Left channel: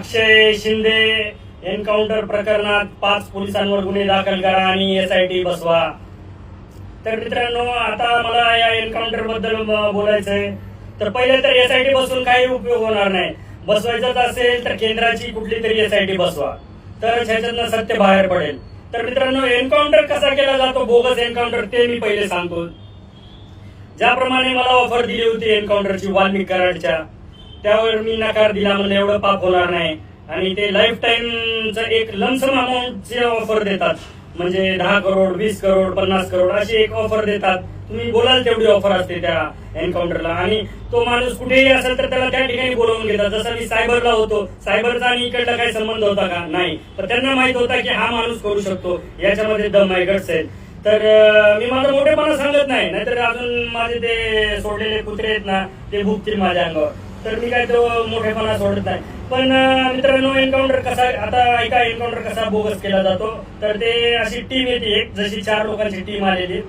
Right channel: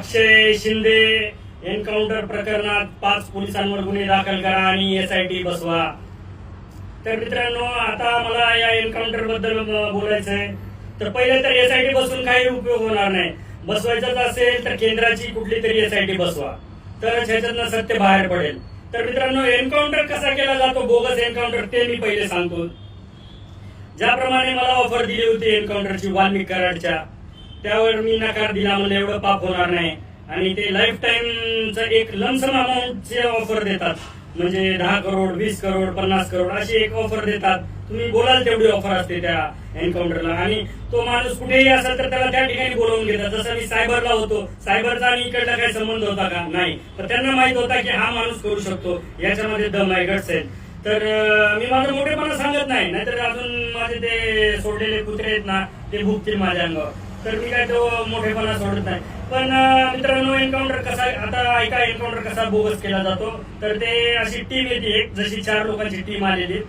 अक्षय Shinde encounter प्रकरणात पाच पोलिसांवर गुन्हे दाखल करा आणि एसआयटी बसवा तर मित्रांनो आता मला या एन्काउंटर बद्दल बोलायचंय तर पहिले तर एसआयटी बसून काही उपयोग होणार नाही बसवायचाच असेल तर केंद्राची कुठली तरी एसआयटी बसवा तर ह्याच्यातनं सत्य बाहेर पडेल तर मित्रांनो एन्काउंटर कसा केला जातो बोगस एन्काउंटर ते मी पहिले सांगतो ज्याप्रमाणे मला ऑफर दिली होती एन्काउंटरची वाल्मिक कराडच्या त्यावर मी नकार दिला म्हणजे एवढं पाप होणार नाही आणि ते लाईफ टाईमचं एक लमसम जे ऑफर देतात म्हणजे दहा करोड वीस करोड पन्नास करोड अशी एक ऑफर देतात तुम्ही बोलाल तेवढी ऑफर असते त्या एन्काउंटरला आणि तो माणूस कुठेही असेल तर त्याला त्या ठिकाणी बोलवून घेतात जसं मी सायबरला होतो सायबरचा आणि इकडला काही संबंध होता का नाही पण त्यांना माहित होता की हा माणूस करू शकतो याच्यामध्ये दम आहे गट्स तर मी माझं मोठेपणा सांगत नाही नाहीतर अजून माझे ते सोडलेले कुत्रे आहेत ना ते भुकतील माझ्या अंगावर तर मी काय तो मोठेपणा सोडत नाही पण मित्रांनो एन्काउंटर कसा आता एका एन्काउंटर कसा बोगस केला जातो तर ते अशी टीम येते एक जशी चार लोकांची टीम आलेली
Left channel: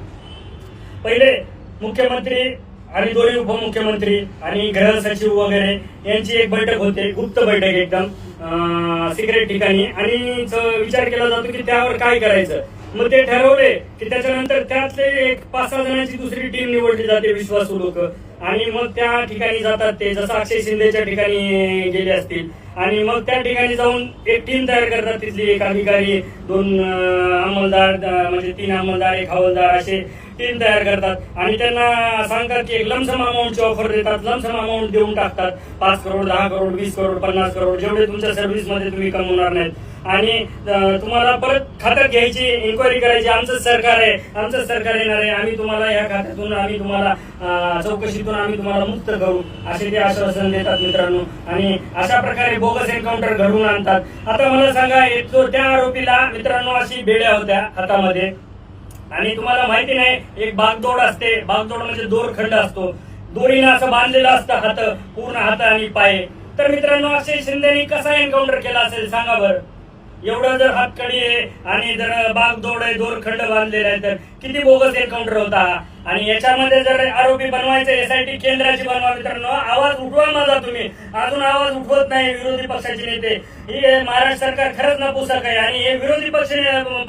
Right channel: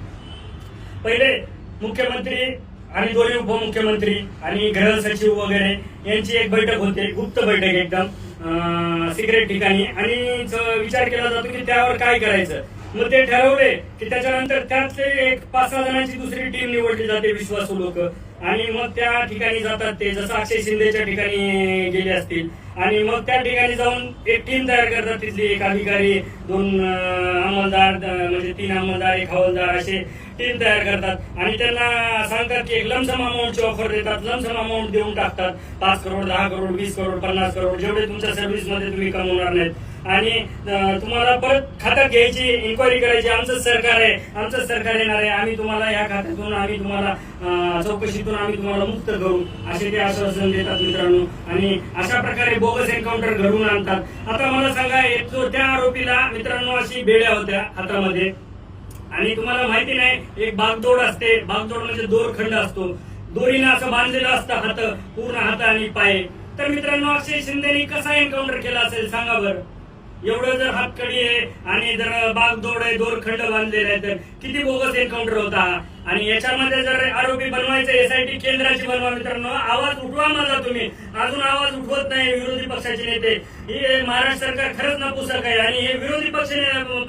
पहिले मुख्यमंत्री आणि दोन्ही उपमुख्यमंत्री आणि गृह सचिव वगैरे यांची एक बैठक होते गुप्त बैठक एकदम सिक्रेट ठिकाणी आणि विचार केला जातो की त्यावर काय करायचं मग ते ठरवले की त्याच्यानंतर त्यातले एक पाच सहा जणांची दुसरी टीम निवडली जाते विश्वासू लोक आणि मग त्या ठिकाणी जातात ते जसं अक्षय शिंदेच्या ठिकाणी गेले असतील आणि मग त्या ठिकाणी जाऊन एक टीम तयार करतात तिथली एक अधिकारी दोन अंमलदार म्हणजे तीन अंमलदार एक हवालदार असे टीम तयार करतात आणि त्यांना सांगतात की एक लमसम अमाऊंटची ऑफर देतात लमसम अमाऊंट देऊन टाकतात पाच करोड दहा करोड वीस करोड पन्नास करोड जेवढे तुमच्या सर्व्हिसमध्ये तुम्ही कमवणार नाहीत आणि तुम्हाला परत खात्यात घ्यायची इन्क्वायरी करायची आमचं सरकार आहे आमचं सरकार येणार आहे आम्ही तुम्हाला या खात्यातून आम्ही तुम्हाला चौकशीतून आम्ही तुम्हाला मुक्त करू असे ते आश्वासन देतात मित्रांनो आणि अशा प्रकारे बोगस एन्काउंटर घडवून आणतात आता मला सांगा जो त्या आरोपीला मित्रांनो अशी बेड्या होत्या हातामध्ये आणि तुम्हाला माहिती नाही एक बागदोड असते बागदोड म्हणजे खंड असतो दोरीनं असं बांधलेलं असतं हात पूर्ण हात आणि पाय तर मित्रांनो असे शिंदेनी कसा एन्काउंटर केला असेल सांगा बरं एवढं जर हातकडी आहे आणि जर दोड आहे खंड बांधलेला आहे तर किती बोगस एन्काउंटर होता आणि याच्यामध्ये जर आरोपी बनवायचं एसआयटी केंद्राची बनवा मित्रांनो आवाज उठवा माझा तुम्ही अजून आवाज उठवत नाही विरोधी पक्षाचे नेते ही महाराष्ट्र सरकार खरंच नपुसक आहे आणि हे विरोधी पक्ष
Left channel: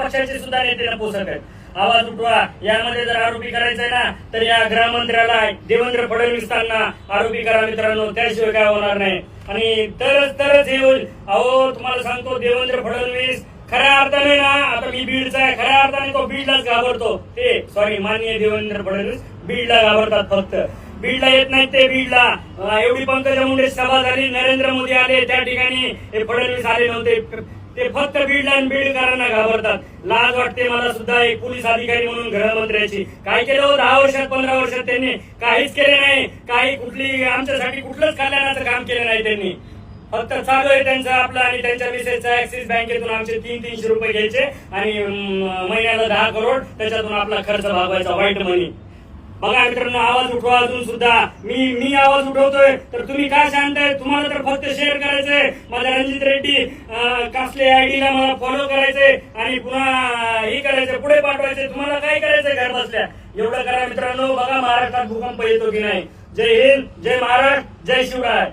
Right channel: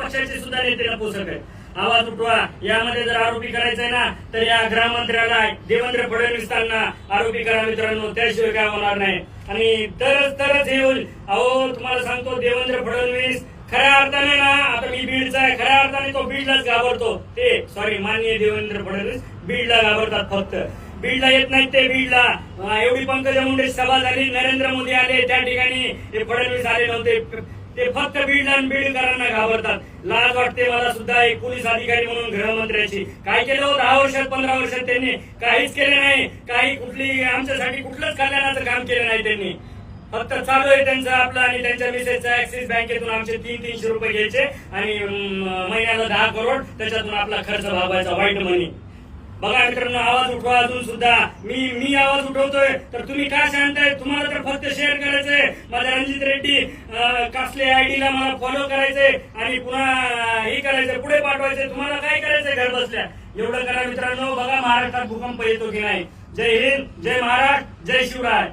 पक्षाचे सुद्धा नेते नपुसक आहे आवाज उठवा यामध्ये जर आरोपी करायचंय ना तर या गृहमंत्र्याला देवेंद्र त्यांना आरोपी करा मित्रांनो त्याशिवाय काय होणार नाही आणि तरच तरच हे होईल अहो तुम्हाला सांगतो देवेंद्र फडणवीस खऱ्या अर्थाने ना आता मी बीडचा आहे खऱ्या अर्थाने तो बीडलाच घाबरतो ते सॉरी माननीय देवेंद्र फडणवीस बीडला घाबरतात फक्त बीडला येत नाही ते बीडला एवढी पंकजा मुंडे सभा झाली नरेंद्र मोदी आले त्या ठिकाणी हे फडणवीस आले नव्हते ते फक्त बीड आणि घाबरतात लाज वाटते मला सुद्धा एक पोलीस अधिकारी म्हणून गृहमंत्र्याची काय केलं हो? दहा वर्षात पंधरा वर्षात त्यांनी काहीच केले नाही काही कुठली आमच्यासाठी कुठलंच कल्याणाचं काम केलं नाही त्यांनी फक्त चालू आहे त्यांचा आपला आणि त्यांच्या मिसेसचा ऍक्सिस बँकेतून आमचे तीन तीनशे रुपये घ्यायचे आणि महिन्याला दहा करोड त्याच्यातून आपला खर्च भागवायचा वाईट मनी बघा मित्रांनो आवाज उठवा अजून सुद्धा मी मी आवाज उठवतोय तर तुम्ही काय सांगताय तुम्हाला तर फक्त शेअर करायचंय माझ्या रणजित रेड्डी कासले आयडीला मला फॉलो करायचंय आणि पुन्हा हे करायचं पुढे पाठवायचंय तुम्हाला काय करायचंय घर बसल्या एवढं करा मित्रांनो बघा महाराष्ट्रात भूकंप येतो की नाही जय हिंद जय महाराष्ट्र जय शिवराय